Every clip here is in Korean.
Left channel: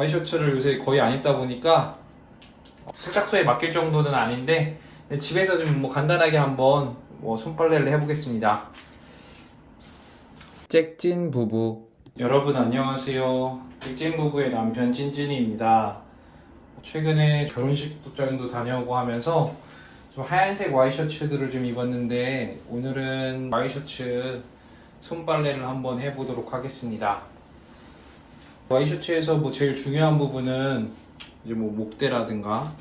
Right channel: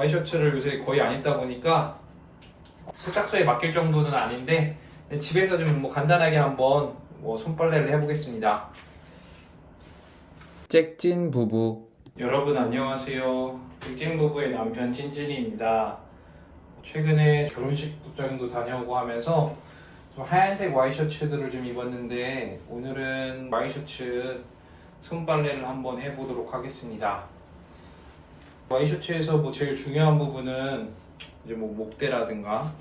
와이셔츠를 요새 거의 안 입다 보니까 세탁소에 맡길 정도는 아닌데 집에서 좀 간단하게 한번 손빨래를 해보겠습니다. 잭진 부부, 여러분 안녕하세요. 잭진 부부의 남편 찐찐입니다. 최근에 결혼식 도장도 다녀오고 하면서 좀 하얀색 와이셔츠들을 좀 입었는데 오늘은 와이셔츠 손빨래를 한번 해보도록 하겠습니다. 와이셔츠에서 제일 중요한 부분은 이제 목대라든가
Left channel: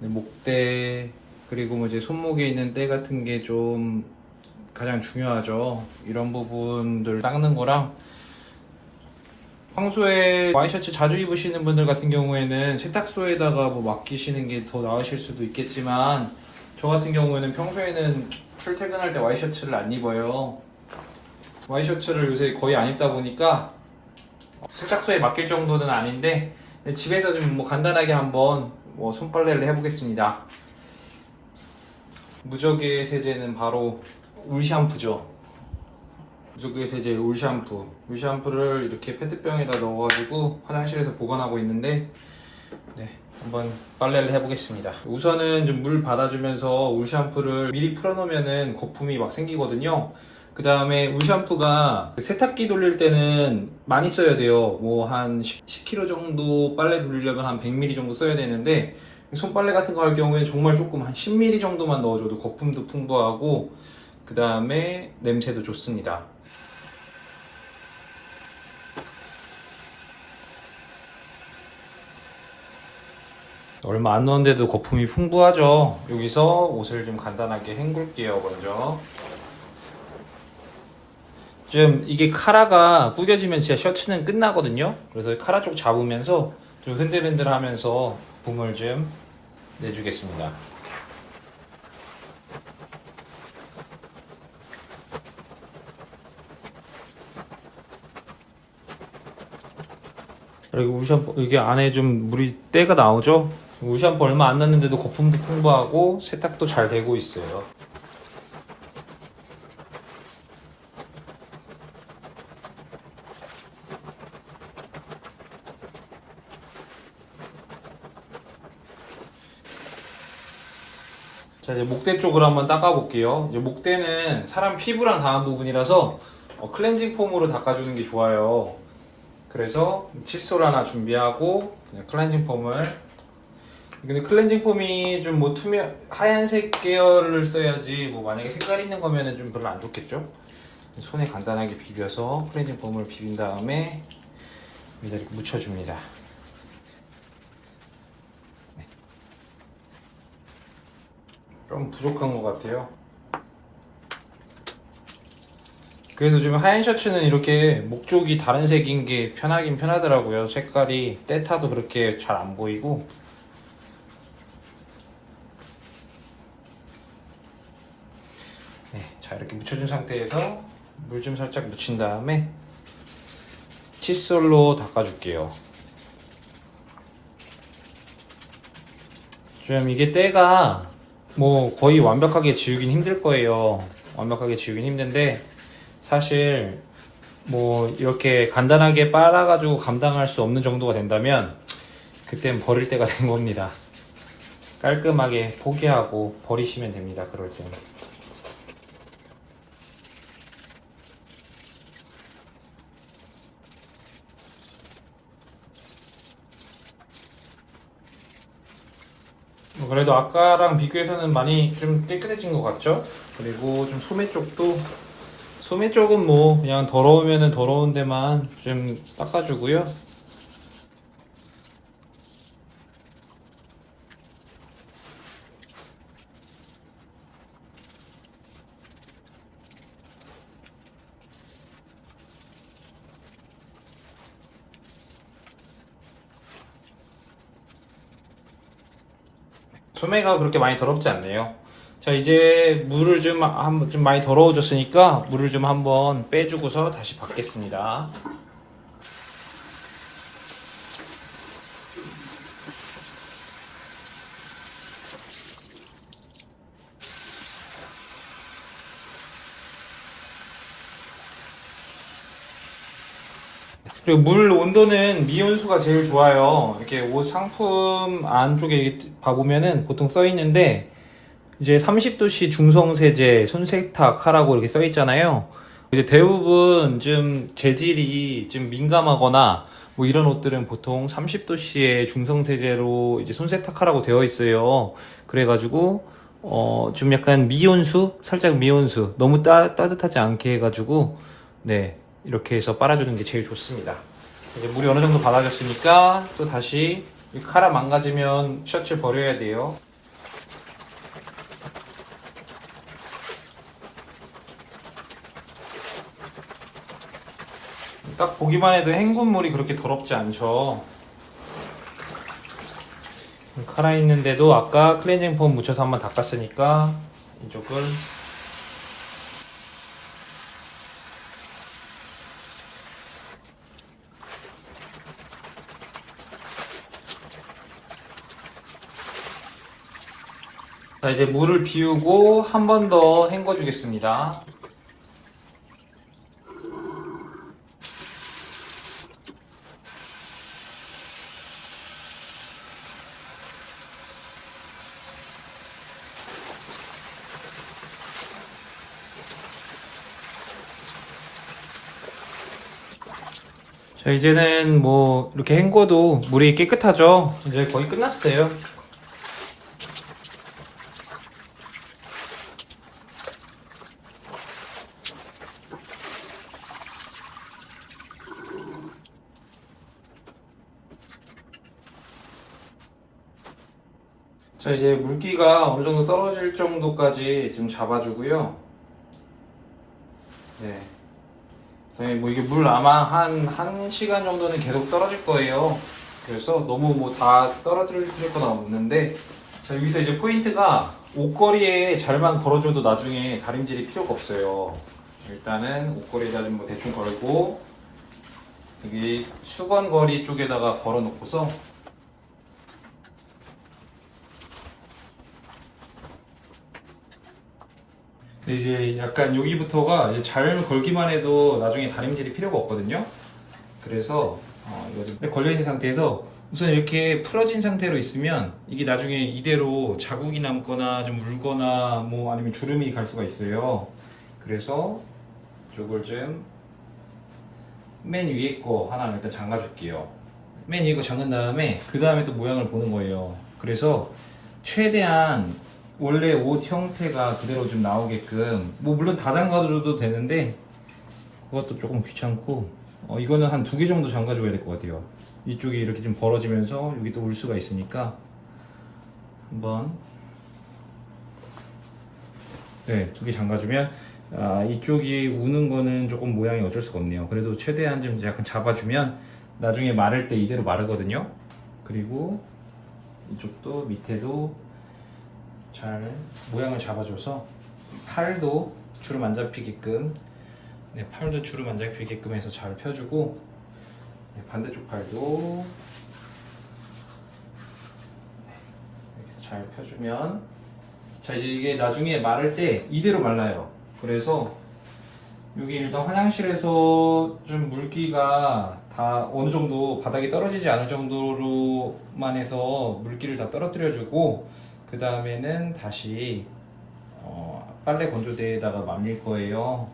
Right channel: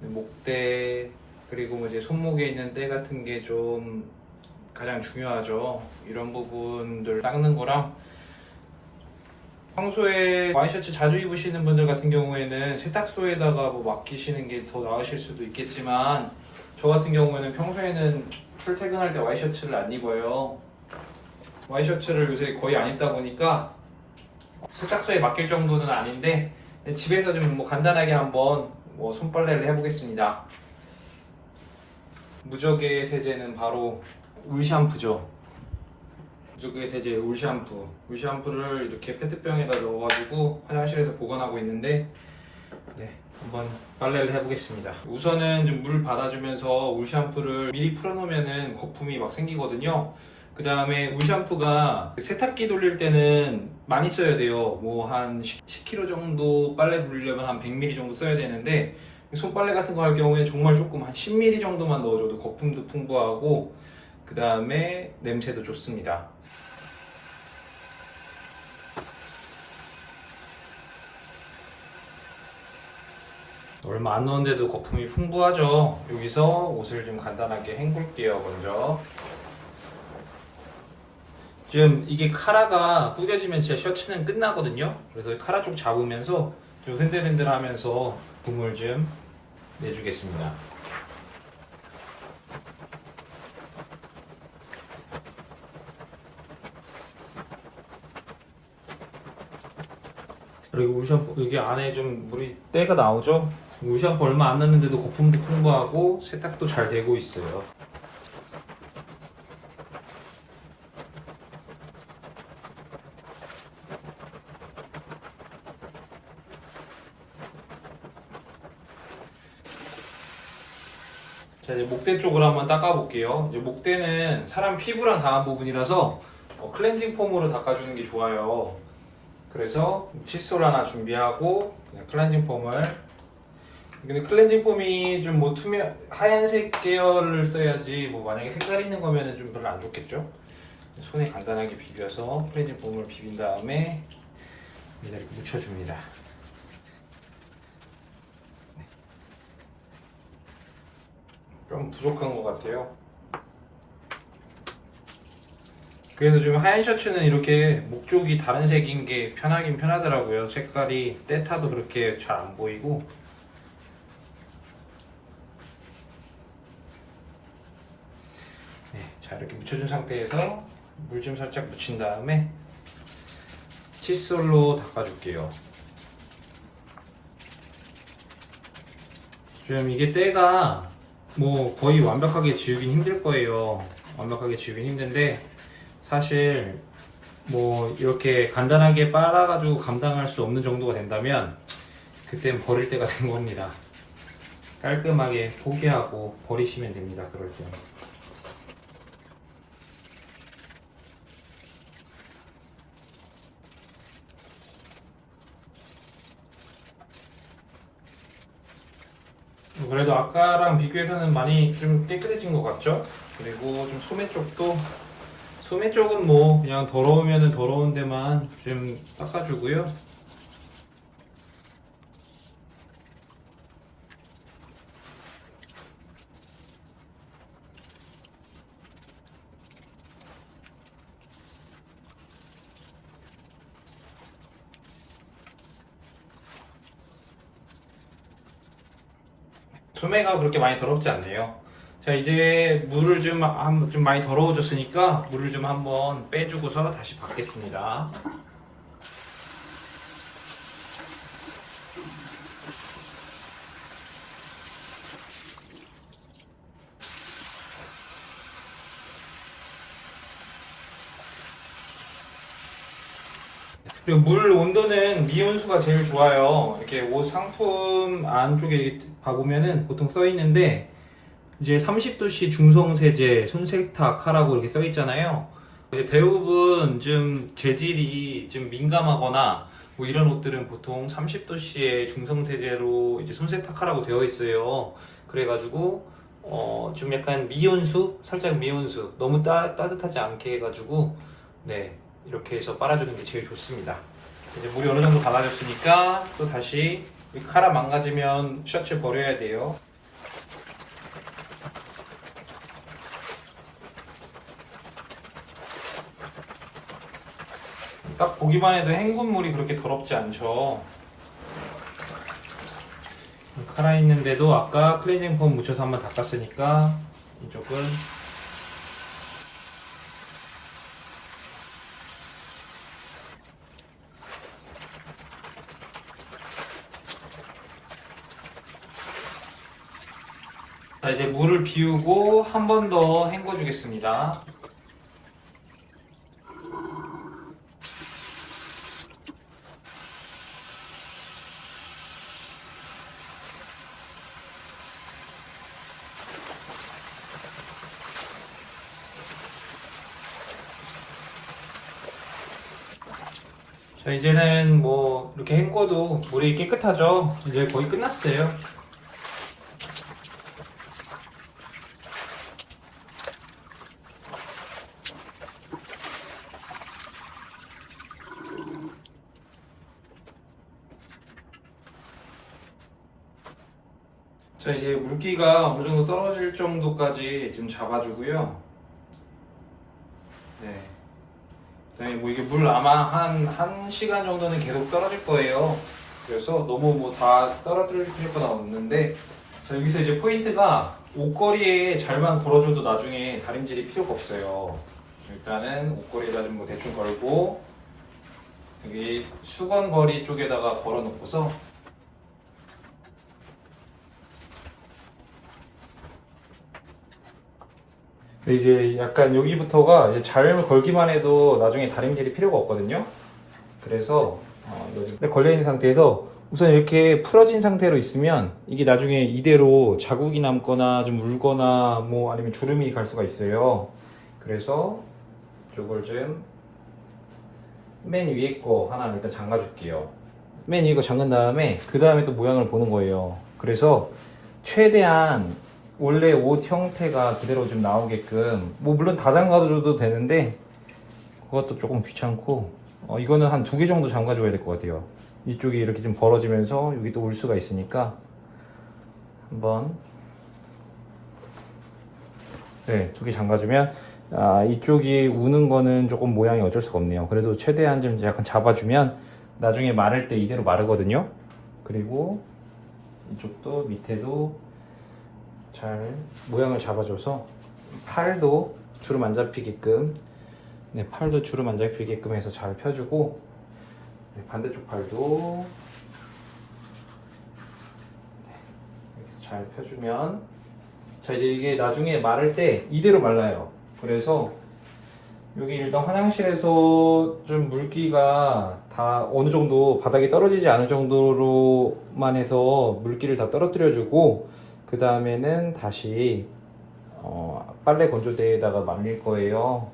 목대, 그리고 이제 손목에 있는 때 같은 게 좀 가장 중요하죠. 이런 부분들 닦는 거랑, 평소에 와이셔츠 자주 입으시는 분들 같은 경우에는 세탁소에다가 맡기시는 게 더 나으실 수도 있겠지만, 저 같은 경우에는 평소에는 출퇴근할 때 와이셔츠를 안 입어요. 와이셔츠를 요새 거의 안 입다 보니까 세탁소에 맡길 정도는 아닌데 집에서 좀 간단하게 한번 손빨래를 해보겠습니다. 무적의 세제는 바로 울 샴푸죠. 무적의 세제 울 샴푸. 울 샴푸를 이렇게 페트병에다 넣어가지고 화장실에서 보관하고 있는데, 한번 빨래를 해보겠습니다. 우선은 좀 물 받아주면서 울 샴푸를 미리 풀어놓으면은 거품이 막 생기거든요. 그 다음에 울 샴푸가 세탁기 돌릴 때는 많이 써야 돼요. 한 10kg 정도 빨래 돌리려면 한 100ml 정도 써야 되는데, 손빨래 같은 거 할 경우에 정말 조금 한 10ml 정도만 넣어줘도 거품도 풍부하고 그 다음에 냄새도 좋습니다. 얼마 안 넣었는데도 거품이 풍부하죠. 여기서 옷을 좀 간단하게 헹굴게요. 먼저 좀 이게 카라가 구겨지면 진짜 셔츠는 끝나거든요. 그래서 카라 쪽 잡으면서 좀 흔들흔들 하면서 봄을 좀 내주겠습니다. 그리고 울샴푸, 이게 안에 좀 물이 때가 나오죠? 울샴푸 얼마 안 났는데도 거품도 풍부하고 세탁도 잘 되고 있어요. 자, 이제 목대 쪽으로 한번 닦아볼게요. 이제 목대는 사람 피부랑 닿은 부분이라서 클렌징 폼으로 닦아주는 게 좋아요. 그래서 칫솔 하나 준비하고 그냥 클렌징 폼을. 근데 클렌징 폼이 좀 하얀색 계열을 써야지, 만약에 색깔 있는 거면은 좀 별로 안 좋겠죠. 손에 간단하게 비벼서 클렌징 폼을 비빈 다음에 이렇게 묻혀줍니다. 좀 부족한 것 같아요. 그래서 좀 하얀 셔츠는 이렇게 목 쪽이 다른 색인 게 편하긴 편하더라고요. 색깔이 때타도 그렇게 잘 안 보이고. 자, 이렇게 묻혀준 상태에서 물 좀 살짝 묻힌 다음에 칫솔로 닦아줄게요. 좀 이게 때가 거의 완벽하게 지우긴 힘들 거예요. 완벽하게 지우긴 힘든데, 사실 이렇게 간단하게 빨아가지고 감당할 수 없는 정도가 된다면 그땐 버릴 때가 된 겁니다. 깔끔하게 포기하고 버리시면 됩니다. 그럴 때는. 그래도 아까랑 비교해서는 많이 좀 깨끗해진 것 같죠? 그리고 좀 소매 쪽은 그냥 더러우면은 더러운 데만 좀 닦아주고요. 소매가 그렇게 많이 더럽지 않네요. 자, 이제 물을 좀 많이 더러워졌으니까 물을 좀 한번 빼주고서 다시 받겠습니다. 그리고 물 온도는 미온수가 제일 좋아요. 이렇게 옷 상품 안쪽에 봐보면은 보통 써 있는데 이제 30도씨 중성세제, 손세탁하라고 이렇게 써 있잖아요. 이제 대부분 좀 재질이 좀 민감하거나 뭐 이런 옷들은 보통 30도씨의 중성세제로 이제 손세탁하라고 되어 있어요. 그래가지고 좀 약간 미온수, 살짝 미온수, 너무 따뜻하지 않게 해가지고 네 이렇게 해서 빨아주는 게 제일 좋습니다. 이제 물이 어느 정도 갈아졌으니까 또 다시 이 카라 망가지면 셔츠 버려야 돼요. 딱 보기만 해도 헹군물이 그렇게 더럽지 않죠. 카라 있는데도 아까 클렌징 폼 묻혀서 한번 닦았으니까 이쪽은 자, 이제 물을 비우고 한 번 더 헹궈 주겠습니다. 자, 이제는 뭐 이렇게 헹궈도 물이 깨끗하죠. 이제 거의 끝났어요. 자, 이제 물기가 어느 정도 떨어질 정도까지 좀 잡아주고요. 네. 그다음에 뭐 이게 물 아마 한 1시간 정도는 계속 떨어질 거예요. 그래서 너무 뭐 다 떨어뜨릴 건 없는데, 자, 여기서 이제 포인트가 옷걸이에 잘만 걸어줘도 나중에 다림질이 필요가 없어요. 일단은 옷걸이에다 좀 뭐 대충 걸고, 여기 수건거리 쪽에다가 걸어 놓고서 이제 약간 여기부터가 이제 잘 걸기만 해도 나중에 다림질이 필요가 없거든요. 그래서 이거 좀 걸려있는 상태에서 우선 이렇게 풀어진 상태로 있으면 이게 나중에 이대로 자국이 남거나 좀 울거나 뭐 아니면 주름이 갈 수가 있어요. 그래서 이걸 좀 맨 위에 거 하나 일단 잠가 줄게요. 맨 위에 거 잠근 다음에 그 다음에 또 모양을 보는 거예요. 그래서 최대한 원래 옷 형태가 그대로 좀 나오게끔 뭐 물론 다 잠가줘도 되는데 그것도 조금 귀찮고 이거는 한 2개 정도 잠가줘야 될 것 같아요. 이쪽이 이렇게 좀 벌어지면서 여기 또 울 수가 있으니까 한번 네, 2개 잠가주면 이쪽이 우는 거는 조금 모양이 어쩔 수가 없네요. 그래도 최대한 좀 약간 잡아주면 나중에 마를 때 이대로 마르거든요. 그리고 이쪽도 밑에도 잘 모양을 잡아줘서 팔도 주름 안 잡히게끔 네, 팔도 주름 안 잡히게끔 해서 잘 펴주고 네, 반대쪽 팔도 이렇게 잘 펴주면 자 이제 이게 나중에 마를 때 이대로 말라요. 그래서 여기 일단 화장실에서 좀 물기가 다 어느 정도 바닥에 떨어지지 않을 정도로만 해서 물기를 다 떨어뜨려 주고 그 다음에는 다시 빨래 건조대에다가 말릴 거예요.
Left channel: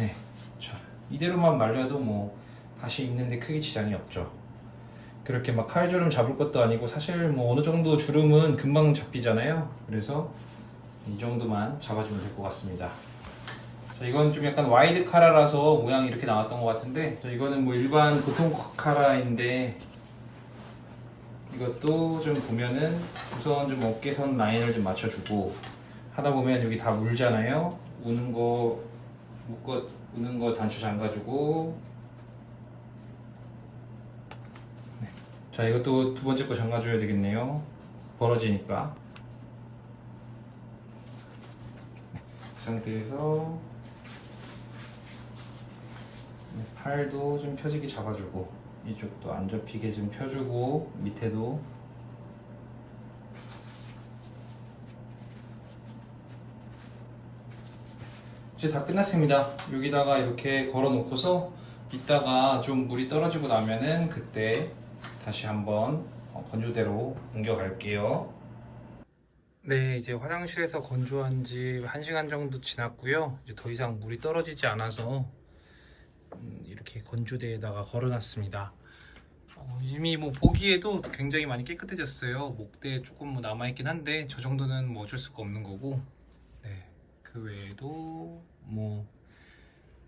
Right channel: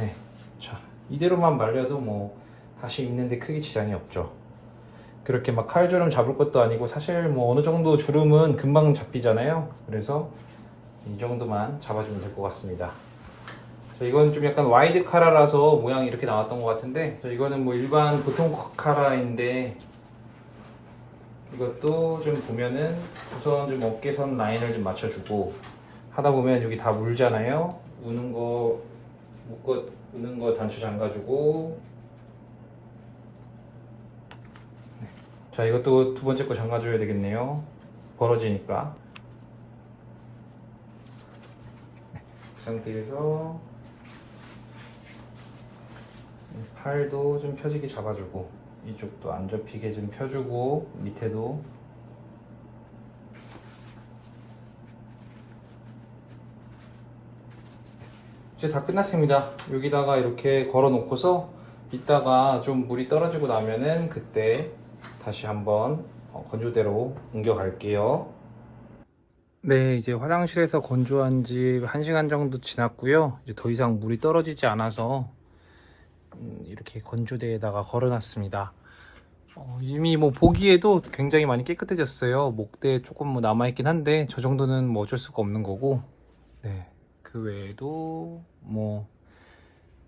네, 자 이대로만 말려도 뭐 다시 입는데 크게 지장이 없죠. 그렇게 막 칼주름 잡을 것도 아니고 사실 뭐 어느 정도 주름은 금방 잡히잖아요. 그래서 이 정도만 잡아주면 될 것 같습니다. 자, 이건 좀 약간 와이드 카라라서 모양이 이렇게 나왔던 것 같은데 이거는 뭐 일반 보통 카라인데 이것도 좀 보면은 우선 좀 어깨선 라인을 좀 맞춰주고 하다 보면 여기 다 물잖아요. 우는 거 우는 거 단추 잠가주고 네. 자 이것도 2번째 거 잠가줘야 되겠네요. 벌어지니까 네. 그 상태에서 팔도 좀 펴지게 잡아주고 이쪽도 안 접히게 좀 펴주고 밑에도 이제 다 끝났습니다. 여기다가 이렇게 걸어 놓고서 이따가 좀 물이 떨어지고 나면은 그때 다시 한번 건조대로 옮겨 갈게요. 네, 이제 화장실에서 건조한 지 1시간 정도 지났고요. 이제 더 이상 물이 떨어지지 않아서 이렇게 건조대에다가 걸어놨습니다. 이미 뭐 보기에도 굉장히 많이 깨끗해졌어요. 목대에 조금 뭐 남아있긴 한데 저 정도는 뭐 어쩔 수가 없는 거고, 네, 그 외에도 뭐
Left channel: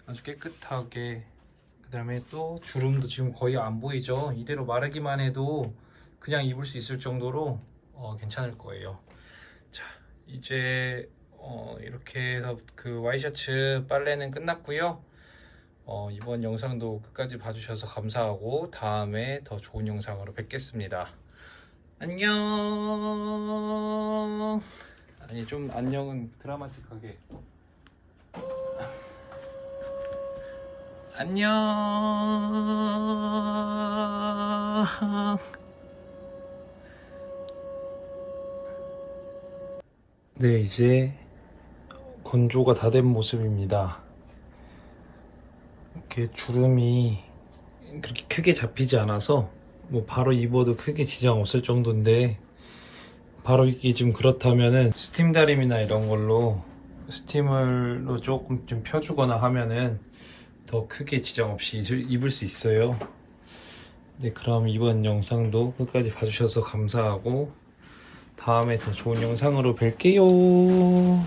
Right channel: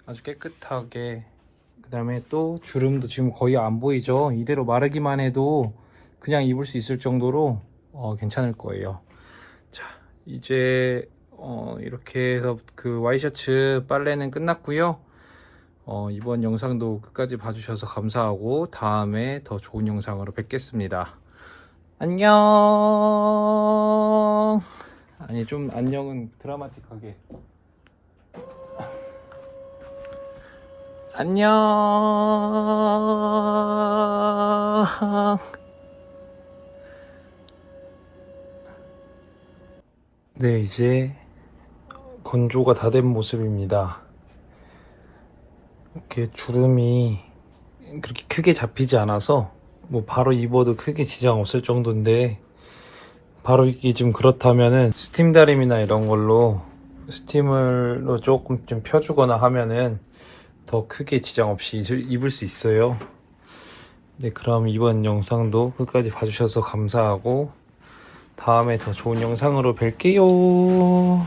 아주 깨끗하게, 그 다음에 또 주름도 지금 거의 안 보이죠. 이대로 마르기만 해도 그냥 입을 수 있을 정도로 괜찮을 거예요. 자, 이제 이렇게 해서 그 와이셔츠 빨래는 끝났고요. 이번 영상도 끝까지 봐주셔서 감사하고 다음에 더 좋은 영상으로 뵙겠습니다. 안녕. 아니, 좀 안녕은 드라마틱하게. 안녕. 네, 이제 건조가 다 된 모습입니다. 이렇게 주름이 그렇게 크게 잡히지 않아서 뭐 바로 입어도 크게 지장 없을 정도인데, 바로 입기 좀 그렇다면은 스팀 다림이나 이런 걸로 스팀으로 조금 좀 펴주거나 하면은 더 크게 지장 없이 입을 수 있어요. 네, 그럼 이번 영상도 끝까지 봐주셔서 감사하고 다음에 더 좋은 영상으로 뵐게요.